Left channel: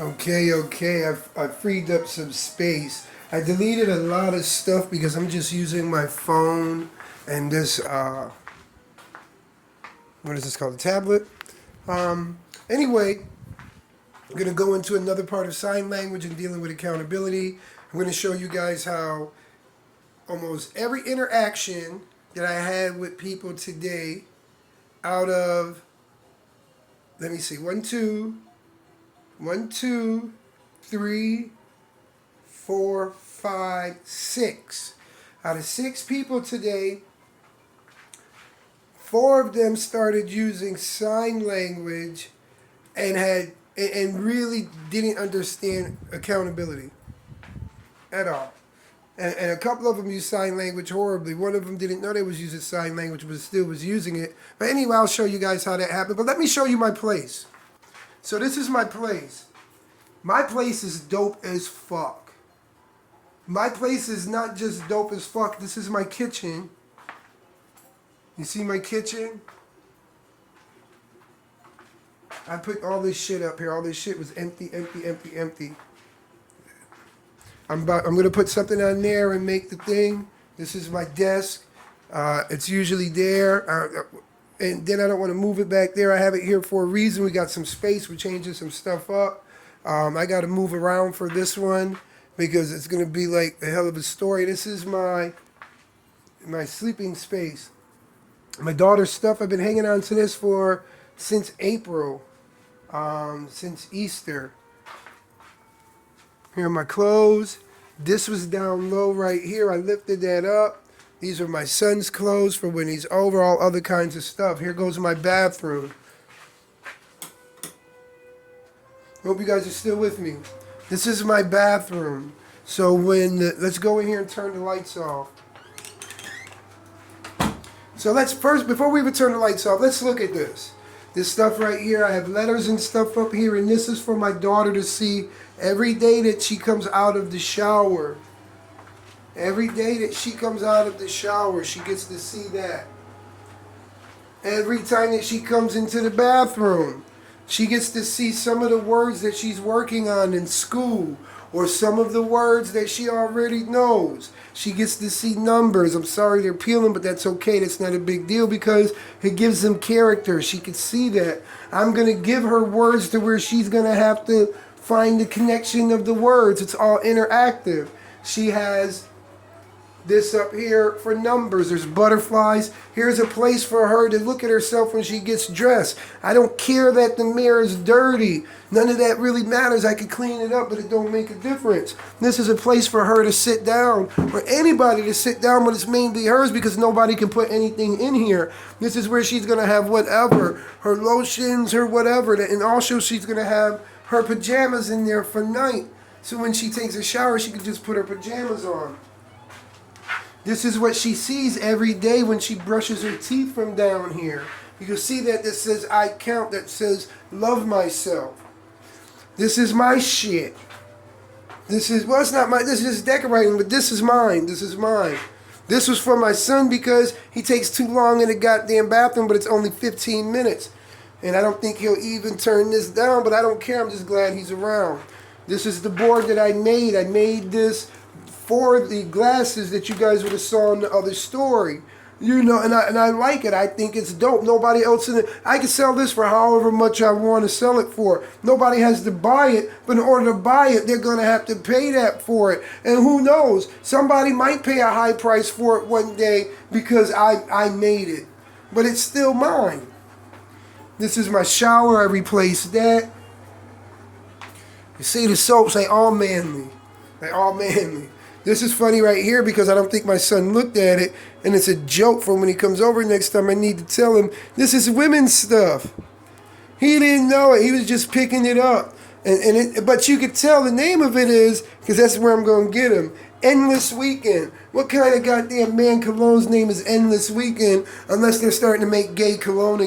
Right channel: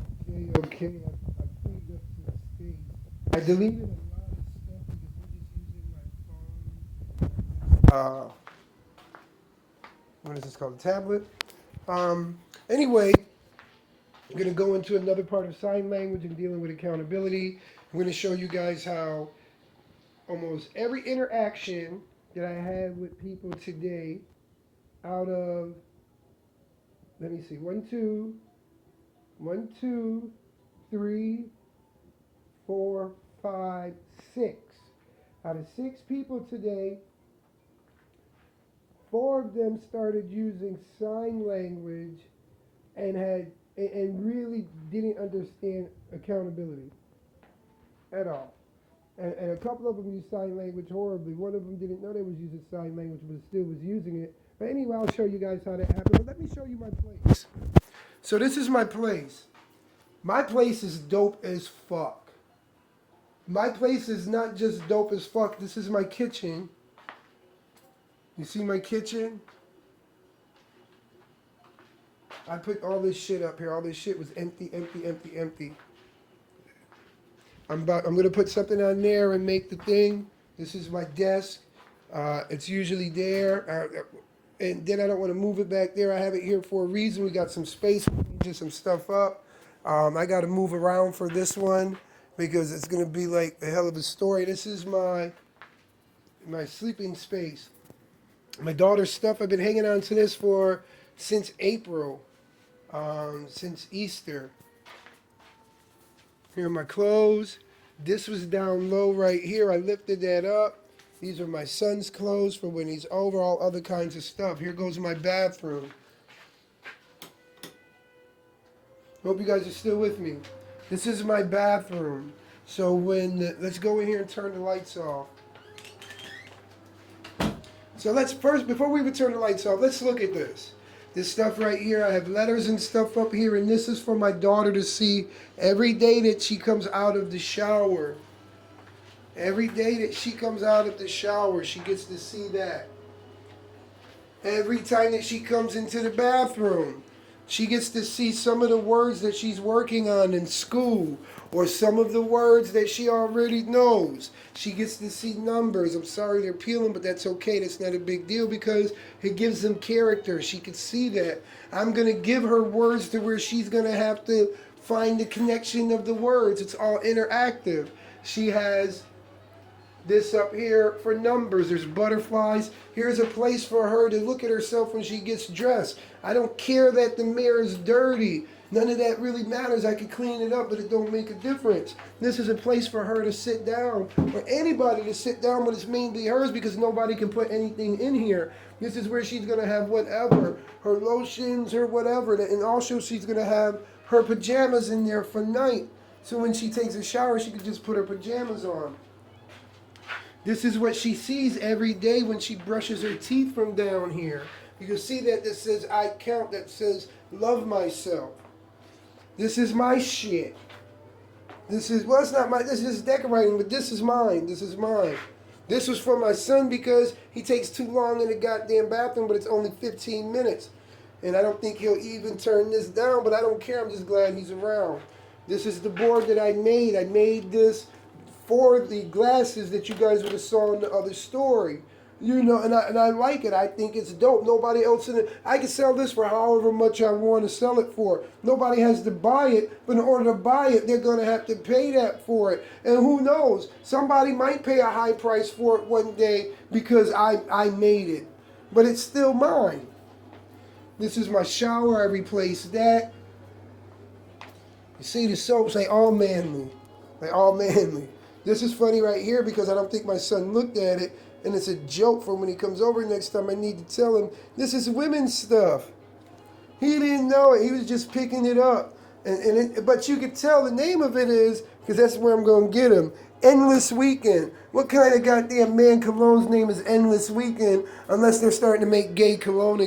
Okay. I freed up some space. I deleted a lot of stuff because I'm just using my phone and this, what is this called? A tablet? Anyway, I'm going to go into another part of sign language and dealing with accountability. I'm going to show you guys how almost every interaction that I had with people today, out of, let me see, one, two, three, four, five, six. Out of six people today, four of them started using sign language and really didn't understand accountability at all. And a couple of them used sign language horribly. One of them didn't know they was using sign language, but still was using it. But anyway, I'll show you guys how that happened. But let me show you my place. So this is my place. My place is dope as fuck. My place is not just dope as fuck. This is my kitchen. You see my kitchen? I put all this shit up here. All this shit was empty. I'm gonna put something on there and make the thing. This is my desk. It's usually there. And then I don't want to move it back there. I have it here for a reason. We got some space. We're changing some stuff up. I got to move around for this one because it's gonna be like a hell of a story. This is my sleeping space. My daughter's stuff. I've been hanging on to this for since April, since Easter. Here are my clothes. This was down low right here. I lifted that up. These are my son's clothes for when he's over, all other kinds of stuff. Here goes my bathroom. Hope you guys are still with me. This is my bathroom. So let's go in here and turn the lights off. So let's first, before we even turn the lights off, let's look at this. This stuff right here, I have letters and stuff up here, and this is for my daughter to see every day that she comes out of the shower. Every day that she comes out of the shower, she gets to see that. Every time that she comes into the bathroom, she gets to see some of the words that she's working on in school, or some of the words that she already knows. She gets to see numbers. I'm sorry they're peeling, but that's okay. That's not a big deal because it gives them character. She can see that. I'm going to give her words to where she's going to have to find the connection of the words. It's all interactive. She has this up here for numbers. There's butterflies. Here's a place for her to look at herself when she gets dressed. I don't care that the mirror is dirty. None of that really matters. I could clean it up, but it don't make a difference. This is a place for her to sit down, or anybody to sit down, but it's mainly hers because nobody can put anything in here. This is where she's going to have whatever, her lotions, her whatever, and also she's going to have her pajamas in there for night. So when she takes a shower, she can just put her pajamas on. This is what she sees every day when she brushes her teeth from down here. You can see that says I count, that says love myself. This is my shit. This is, well, it's not my, this is decorating, but this is mine. This is mine. This was for my son because he takes too long in the goddamn bathroom, but it's only 15 minutes. And I don't think he'll even turn this down, but I don't care. I'm just glad he's around. This is the board that I made. I made this for the glasses that you guys would have saw in the other story. You know, and I like it. I think it's dope. Nobody else in it. I can sell this for however much I want to sell it for. Nobody has to buy it, but in order to buy it, they're going to have to pay that for it. And who knows? Somebody might pay a high price for it one day because I made it. But it's still mine. This is my shower. I replaced that. You see the soaps, they all manly. They all manly. This is funny right here because I don't think my son looked at it, and it's a joke for when he comes over next time. I need to tell him, this is women's stuff. He didn't know it. He was just picking it up. But you could tell the name of it is, because that's where I'm going to get him, Endless Weekend. What kind of goddamn man cologne's name is Endless Weekend unless they're starting to make gay cologne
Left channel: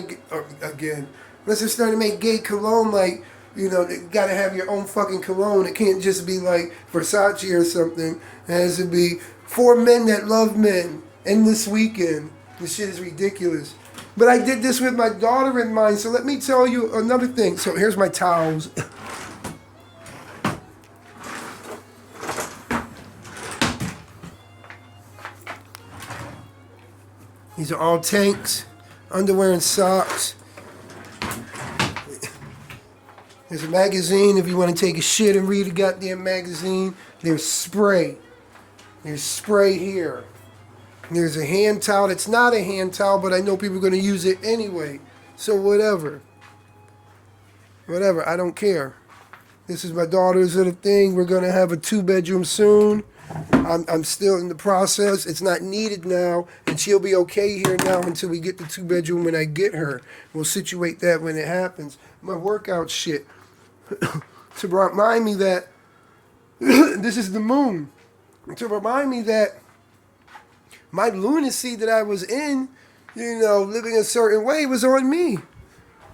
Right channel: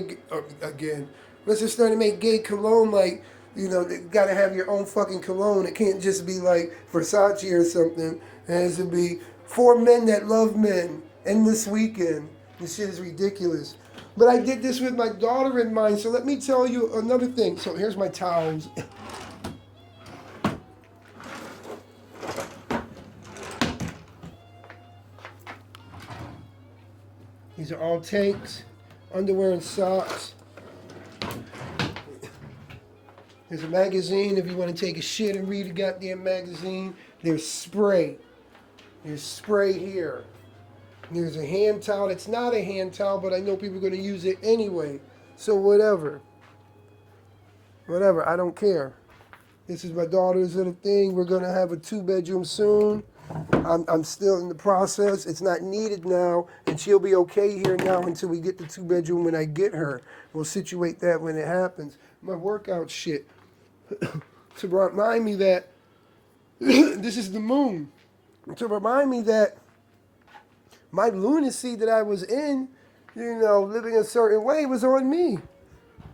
again? Unless they're starting to make gay cologne like, you know, you gotta have your own fucking cologne. It can't just be like Versace or something. It has to be for men that love men. Endless Weekend. This shit is ridiculous. But I did this with my daughter in mind. So let me tell you another thing. So here's my towels. These are all tanks, underwear and socks. There's a magazine if you want to take a shit and read a goddamn magazine. There's spray. There's spray here. There's a hand towel. It's not a hand towel, but I know people are going to use it anyway. So whatever. Whatever. I don't care. This is my daughter's little thing. We're going to have a 2-bedroom soon. I'm still in the process. It's not needed now, and she'll be okay here now until we get the 2-bedroom when I get her. We'll situate that when it happens. My workout shit. To remind me that this is the moon. To remind me that my lunacy that I was in, living a certain way was on me.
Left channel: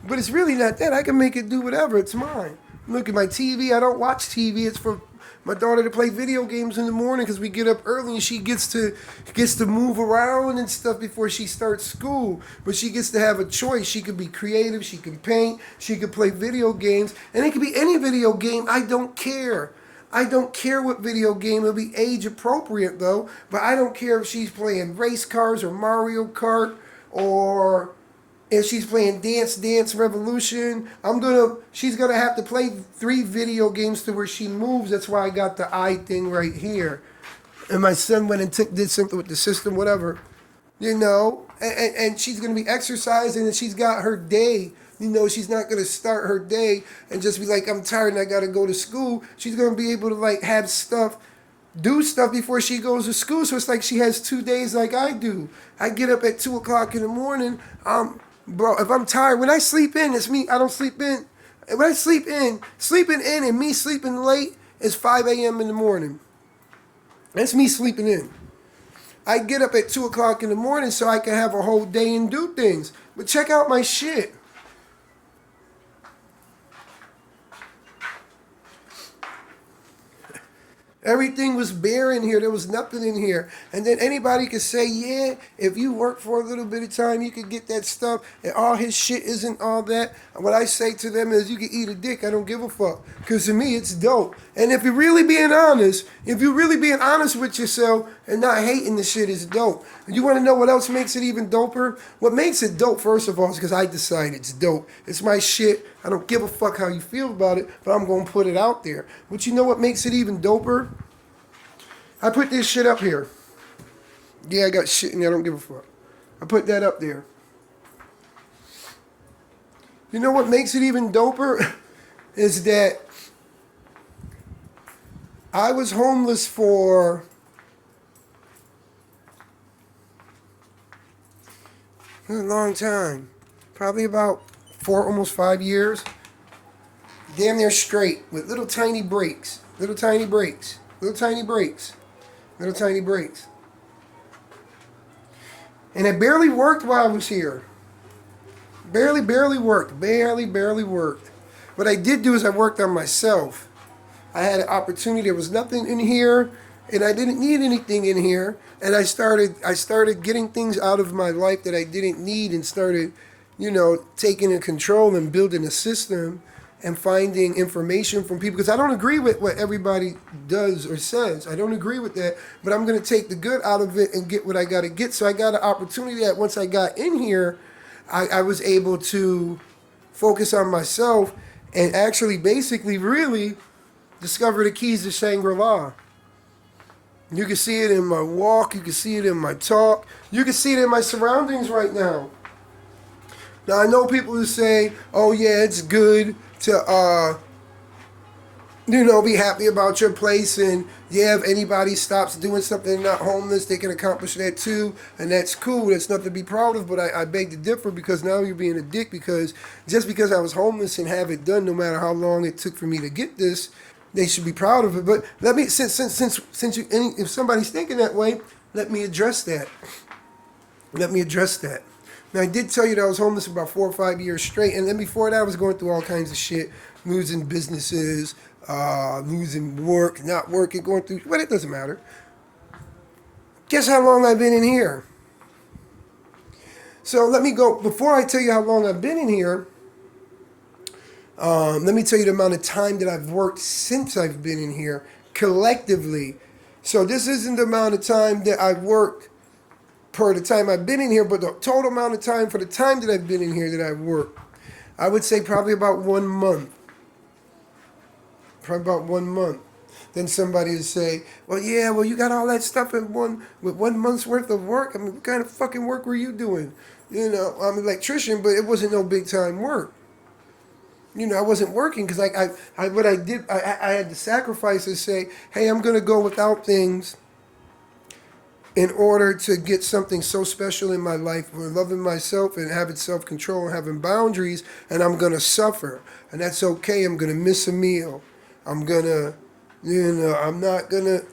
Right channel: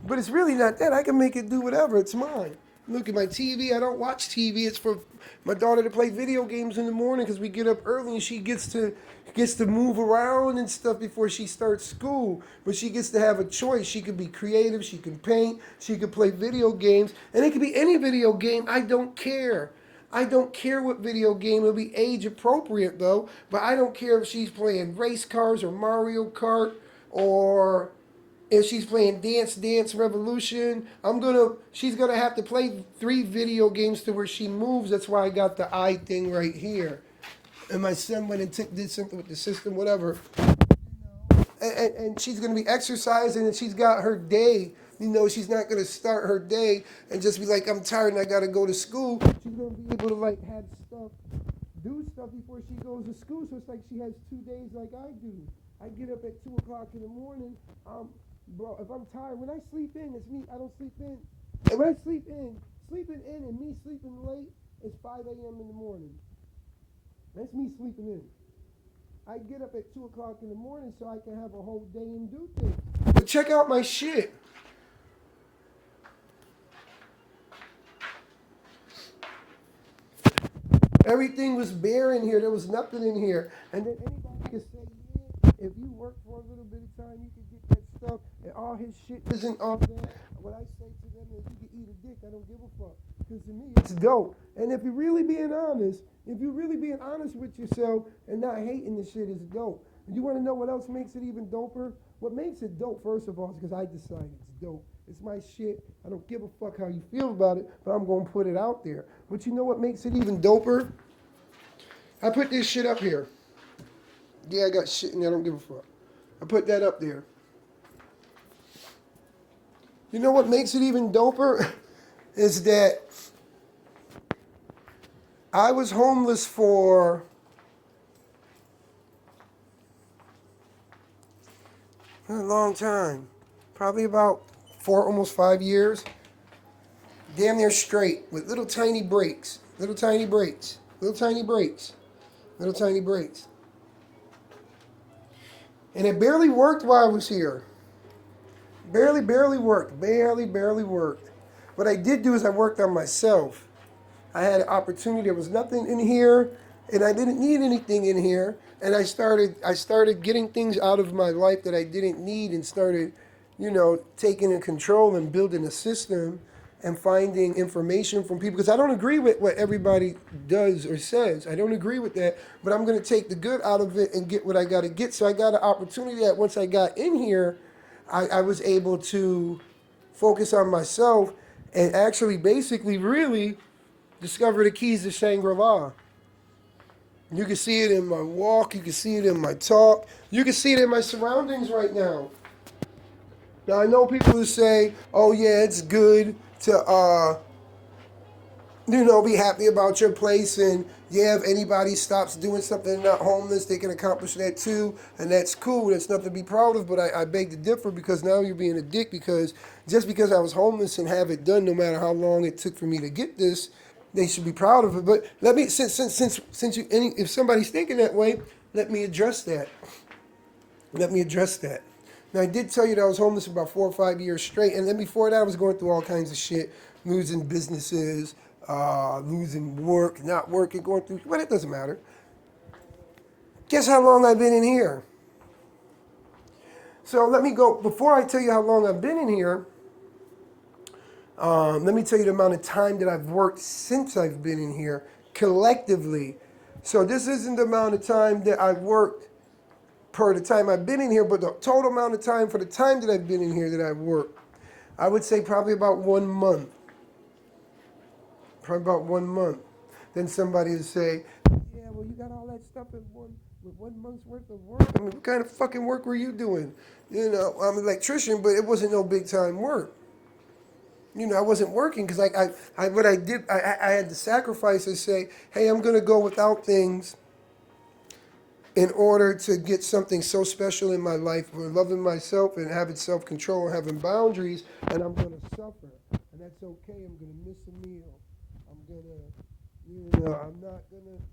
But it's really not that. I can make it do whatever. It's mine. Look at my TV. I don't watch TV. It's for my daughter to play video games in the morning because we get up early and she gets to move around and stuff before she starts school. But she gets to have a choice. She can be creative. She can paint. She can play video games. And it can be any video game. I don't care. I don't care what video game. It'll be age appropriate though. But I don't care if she's playing race cars or Mario Kart or if she's playing Dance Revolution. She's gonna have to play 3 video games to where she moves. That's why I got the eye thing right here. And my son went and did something with the system, whatever. And she's gonna be exercising and she's got her day. She's not going to start her day and just be like, I'm tired and I got to go to school. She's going to be able to have do stuff before she goes to school. So it's like she has 2 days like I do. I get up at 2 o'clock in the morning. Bro, if I'm tired, when I sleep in, it's me. I don't sleep in. When I sleeping in and me sleeping late is 5 a.m. in the morning. That's me sleeping in. I get up at 2 o'clock in the morning so I can have a whole day and do things. But check out my shit. Everything was bare in here. There was nothing in here. And then anybody could say, yeah, if you work for a little bit of time, you could get that stuff. And all his shit isn't all that. What I say to them is, you can eat a dick. I don't give a fuck. Because to me, it's dope. And if you're really being honest with yourself and not hating the shit, it's dope. And you want to know what else makes it even doper? What makes it dope, first of all, is because I decide it's dope. It's my shit. I don't give a fuck how you feel about it, but I'm going to put it out there. But you know what makes it even doper? I put this shit up here. Yeah, I got shit in there. I don't give a fuck. I put that up there. You know what makes it even doper? Is that I was homeless for a long time. Probably about 4, almost 5 years. Damn near straight with little tiny breaks. Little tiny breaks. Little tiny breaks. Little tiny breaks. And it barely worked while I was here. Barely worked. Barely worked. What I did do is I worked on myself. I had an opportunity. There was nothing in here, and I didn't need anything in here. And I started getting things out of my life that I didn't need and started, taking in control and building a system and finding information from people. Because I don't agree with what everybody does or says. I don't agree with that. But I'm going to take the good out of it and get what I got to get. So I got an opportunity that once I got in here, I was able to focus on myself and actually basically really discover the keys to Shangri-La. You can see it in my walk. You can see it in my talk. You can see it in my surroundings right now. Now, I know people who say, oh, yeah, it's good to, be happy about your place. And, yeah, if anybody stops doing something not homeless, they can accomplish that too. And that's cool. That's nothing to be proud of. But I beg to differ because now you're being a dick because just because I was homeless and have it done, no matter how long it took for me to get this, they should be proud of it. But let me, if somebody's thinking that way, let me address that. Now, I did tell you that I was homeless for about 4 or 5 years straight. And then before that, I was going through all kinds of shit, losing businesses, losing work, not working, going through, but it doesn't matter. Guess how long I've been in here? So let me go, before I tell you how long I've been in here, let me tell you the amount of time that I've worked since I've been in here, collectively. So this isn't the amount of time that I've worked per the time I've been in here, but the total amount of time for the time that I've been in here that I've worked, I would say probably about 1 month. Probably about 1 month. Then somebody would say, well, yeah, well, you got all that stuff with 1 month's worth of work. I mean, what kind of fucking work were you doing? You know, I'm an electrician, but it wasn't no big time work. You know, I wasn't working because what I did, I had to sacrifice and say, hey, I'm going to go without things in order to get something so special in my life, for loving myself and having self-control and having boundaries, and I'm going to suffer. And that's okay. I'm going to miss a meal. I'm going to, I'm not going to